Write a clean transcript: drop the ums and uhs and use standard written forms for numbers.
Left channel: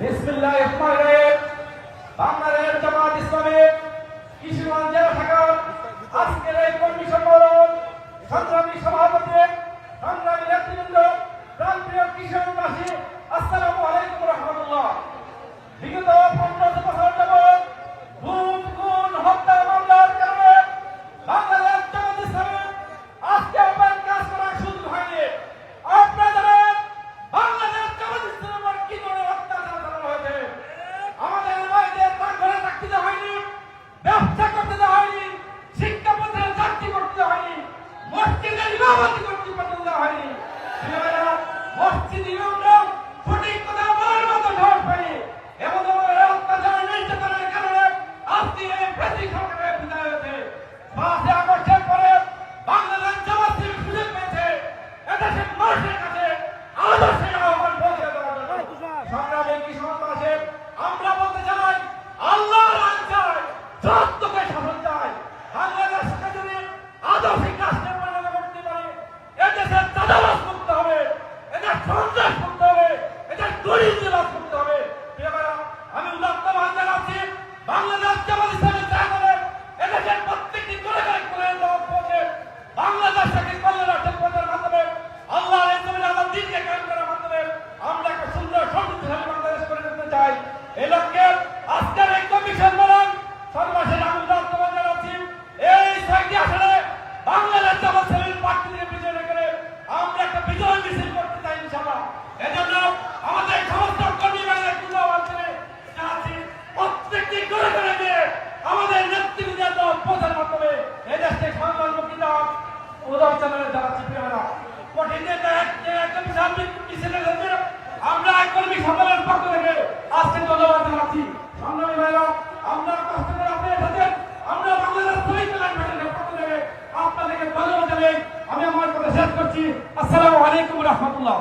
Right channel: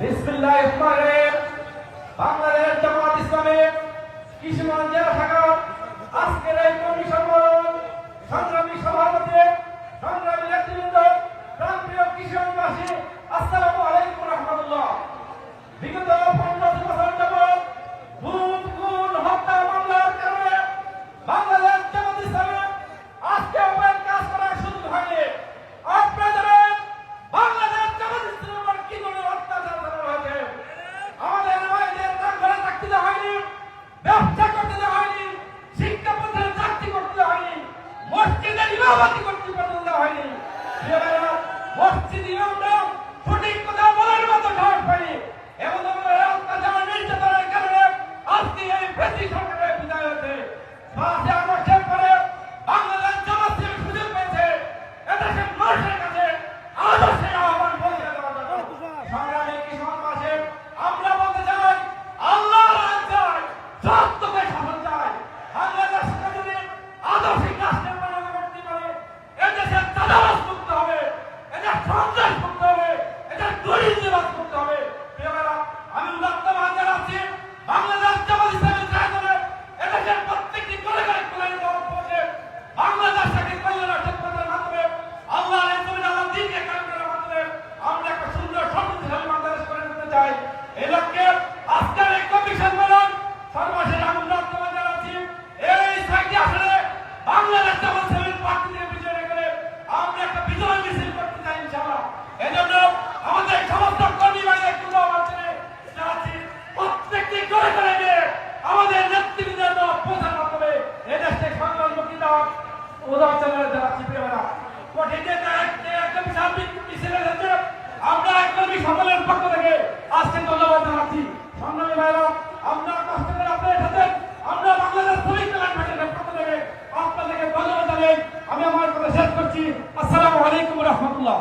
বিসমিল্লাহির রহমানির রহিম। বাংলাদেশ জামাত ইসলামী কিশোরগঞ্জ জেলা শাখা আজকের এই কর্মী সম্মেলন সংগ্রামী সভাপতি সংগ্রামী নেতৃবৃন্দ প্রান্তীয় কিশোরগঞ্জবাসী আসসালামু আলাইকুম রহমতুল্লাহ। বিগত 15 বছর যাবৎ খুন হত্যা মামলার কারণে বাংলাদেশ জামাত ইসলামী আজকে আমার কাজ করার সুযোগ হয়নি। আপনারা জানেন বাংলাদেশ জামাত ইসলামের কি ধরনের অত্যাচার করা হয়েছে। আমাদের ভাইদের ঘরে থাকতে দেওয়া হয়নি, ব্যবসা করতে দেওয়া হয়নি, শিক্ষা প্রতিষ্ঠানে চাকরি করতে দেওয়া হয়নি, মসজিদে ইমামতি করতে দেওয়া হয়নি। মসজিদ ইমামরা সঠিক কথা বলার মতো সাহস পায়নি। এমন অত্যাচার নির্যাতনের কারণে আজকে এই বেশি সরকারের বিদায় হয়েছে। 5 বছর পরে বাংলাদেশ জামাত ইসলামী সুযোগ পেয়েছে এদেশের মানুষের কাছে আদর্শের আহ্বান পৌঁছে দেওয়ার জন্য। সংগ্রামী কিশোরগঞ্জবাসী, আমরা বলতে চাই আল্লাহর আইন চাই, সত্যকে শাসন চাই। বাংলাদেশকে যদি আদর্শিক রাষ্ট্রের পরিণত করতে পারে এদেশের চাঁদাবাজ মুক্ত হবে, এদের সন্ত্রাস মুক্ত হবে, এদের দুর্নীতিবাজ মুক্ত হবে। আমি বর্তমান জানাচ্ছি বাংলাদেশ জামাত ইসলামী চায় এদেশের প্রত্যেকটি কলেজের বাংলাদেশকে কল্যাণ রাষ্ট্রের মাধ্যমে আল্লাহ আল্লাহ দিনকে কায়েম করার মাধ্যমে আমরা একটা সুন্দর সমৃদ্ধশালী বাংলাদেশ করে নিতে চাই। এই লক্ষ্যে আজকের এই কমিশন বলুন সর্বশেষ আমি বর্তমান জানাচ্ছি এই 6টি আসনে বাংলাদেশ জামাত ইসলামীর প্রার্থীকে বিজয় রেখে আমরা একটা বিজয় মিছিল করতে চাই ইনশাআল্লাহ। এজন্য আমাদের সমস্ত কর্মী ভাইদের মাধ্যমে জানাচ্ছি প্রত্যেকটি ঘরে ঘরে গিয়ে আমাদের নেতৃবৃন্দের পৌঁছার মাধ্যমে এদেশকে সংকল্প কিতাব উদাহরণ জানাচ্ছি। আমরা কর্মী সম্মেলনের পক্ষ থেকে আজকে ধন্যবাদ জানাচ্ছি। সংগ্রামী ভাইরা, আমরা কষ্ট করে আপনাদের সাথে আমরা বাংলাদেশ শহীদ কল্যাণ ফেডারেশনের পক্ষ থেকে আপনাদেরকে ধন্যবাদ জানাই। আমি আমার কথা শেষ করছি। আসসালামু আলাইকুম রহমতুল্লাহ।